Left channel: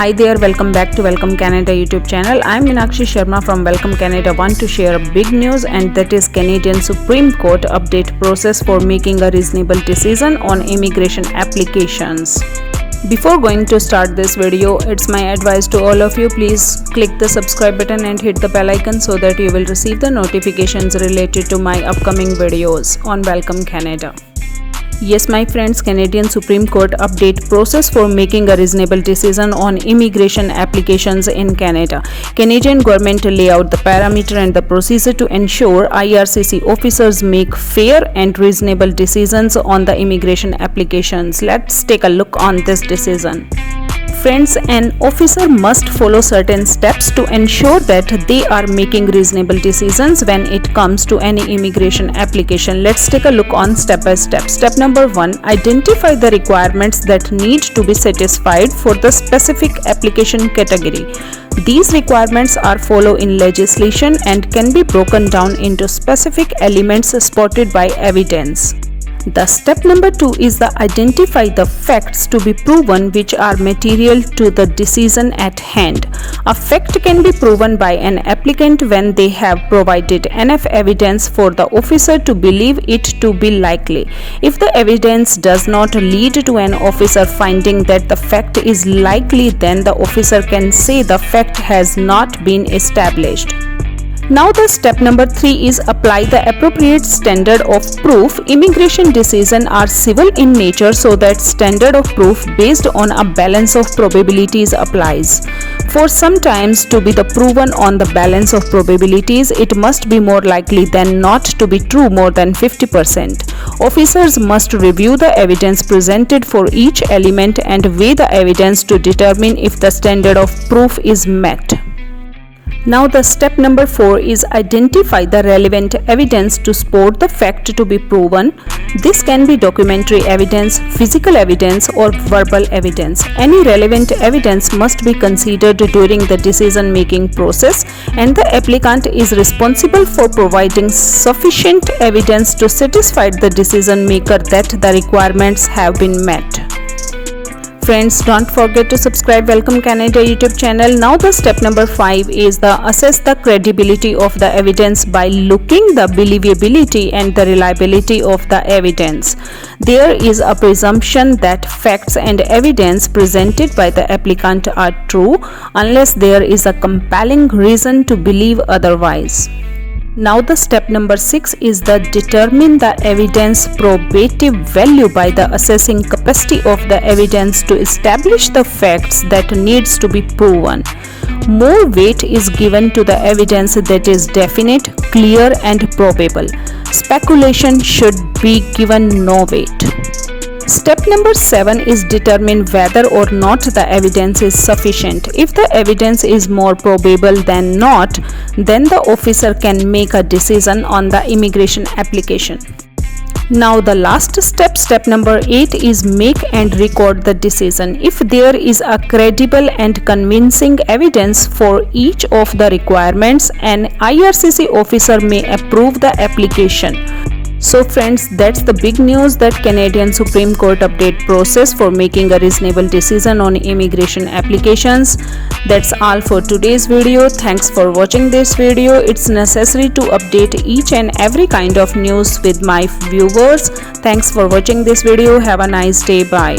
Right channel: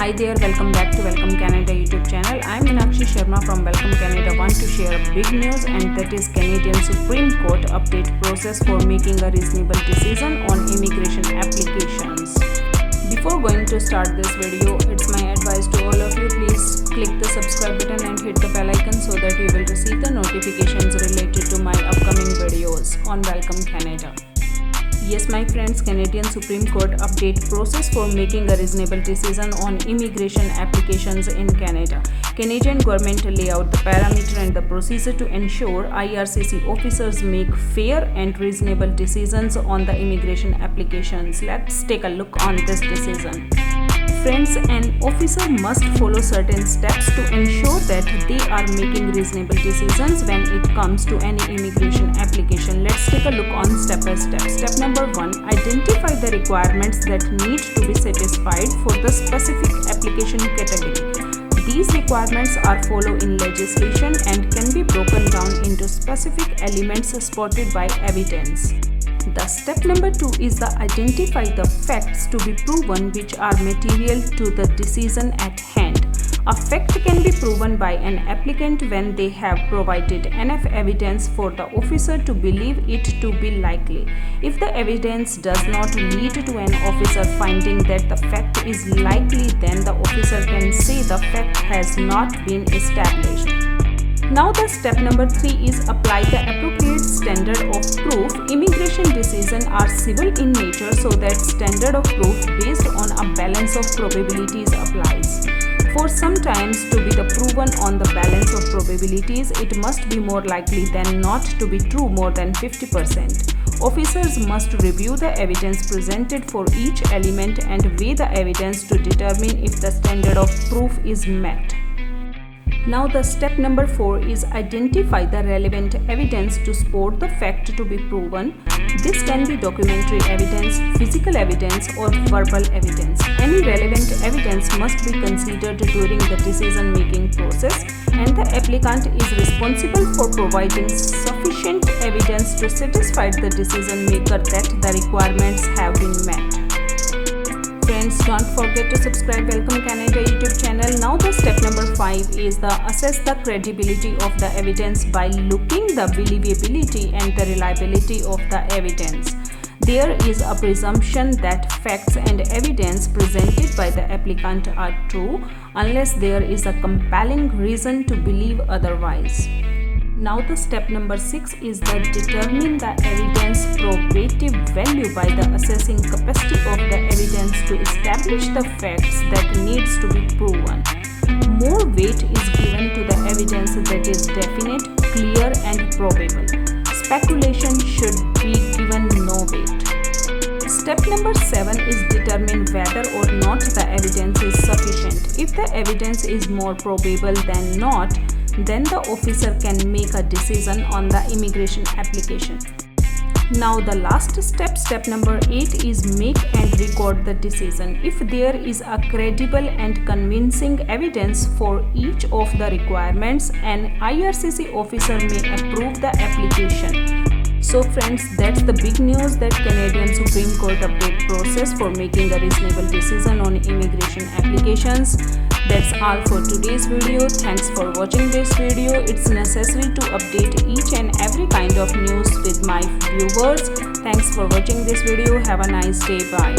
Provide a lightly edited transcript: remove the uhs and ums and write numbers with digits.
Hi there, welcome back to Welcome Canada YouTube channel. I'm Meenakshi Sharma from Welcome Canada. Want to share a big news, and that is Canadian Supreme Court update process for making a reasonable decision on immigration applications. Before going to start this video, it's my advice to all of you, please click the subscribe button and hit the bell icon so that you will receive the notifications related to my upcoming videos on Welcome Canada. Yes, my friends, Canadian Supreme Court update process for making a reasonable decision on immigration applications in Canada. Canadian government lay out the parameter and the procedure to ensure IRCC officers make fair and reasonable decisions on the immigration applications. Let's take a look on this decision. Friends, an officer must follow certain steps to ensure that they are making reasonable decisions when it comes to any immigration application. Let's take a look on step by step. Step number 1, identify the requirements that need to be satisfied for the specific application category. These requirements are followed in legislation and can be broken down into specific elements spotted by evidence. The step number 2 is the identify the facts to be proven which are material to the decision at hand. A fact can be proven by an applicant when they have provided enough evidence for the officer to believe it to be likely. If the evidence does not lead to an officer finding that the fact is likely, then the officer can say the fact has not been established. Now the step number 3 is apply the appropriate standard of proof. Immigration decisions are civil in nature, so that standard of proof based on a balance of probabilities applies. For sometimes to be proven on the balance of probabilities, it must be more likely than not to be true more than 50%. Officers must review the evidence presented for each element and weigh the evidence to determine if the standard of proof is met. Now the step number 4 is identify the relevant evidence to support the fact to be proven. This can be documentary evidence, physical evidence, or verbal evidence. Any relevant evidence must be considered during the decision-making process, and the applicant is responsible for providing sufficient evidence to satisfy the decision maker that the requirements have been met. Friends, don't forget to subscribe Welcome Canada YouTube channel. Now the step number 5 is the assess the credibility of the evidence by looking the believability and the reliability of the evidence. There is a presumption that facts and evidence presented by the applicant are true unless there is a compelling reason to believe otherwise. Now the step number 6 is the determine the evidence probative value by the assessing capacity of the evidence to establish the facts that needs to be proven. More weight is given to the evidence that is definite, clear, and probable. Speculation should be given no weight. Step number 7 is determine whether or not the evidence is sufficient. If the evidence is more probable than not, then the officer can make a decision on the immigration application. Now the last step, step number 8, is make and record the decision. If there is a credible and convincing evidence for each of the requirements, an IRCC officer may approve the application. So friends, that's the big news, that Canadian Supreme Court update process for making a reasonable decision on immigration applications. That's all for today's video. Thanks for watching this video. It's necessary to update each and every kind of news with my viewers. Thanks for watching this video. Have a nice day. Bye.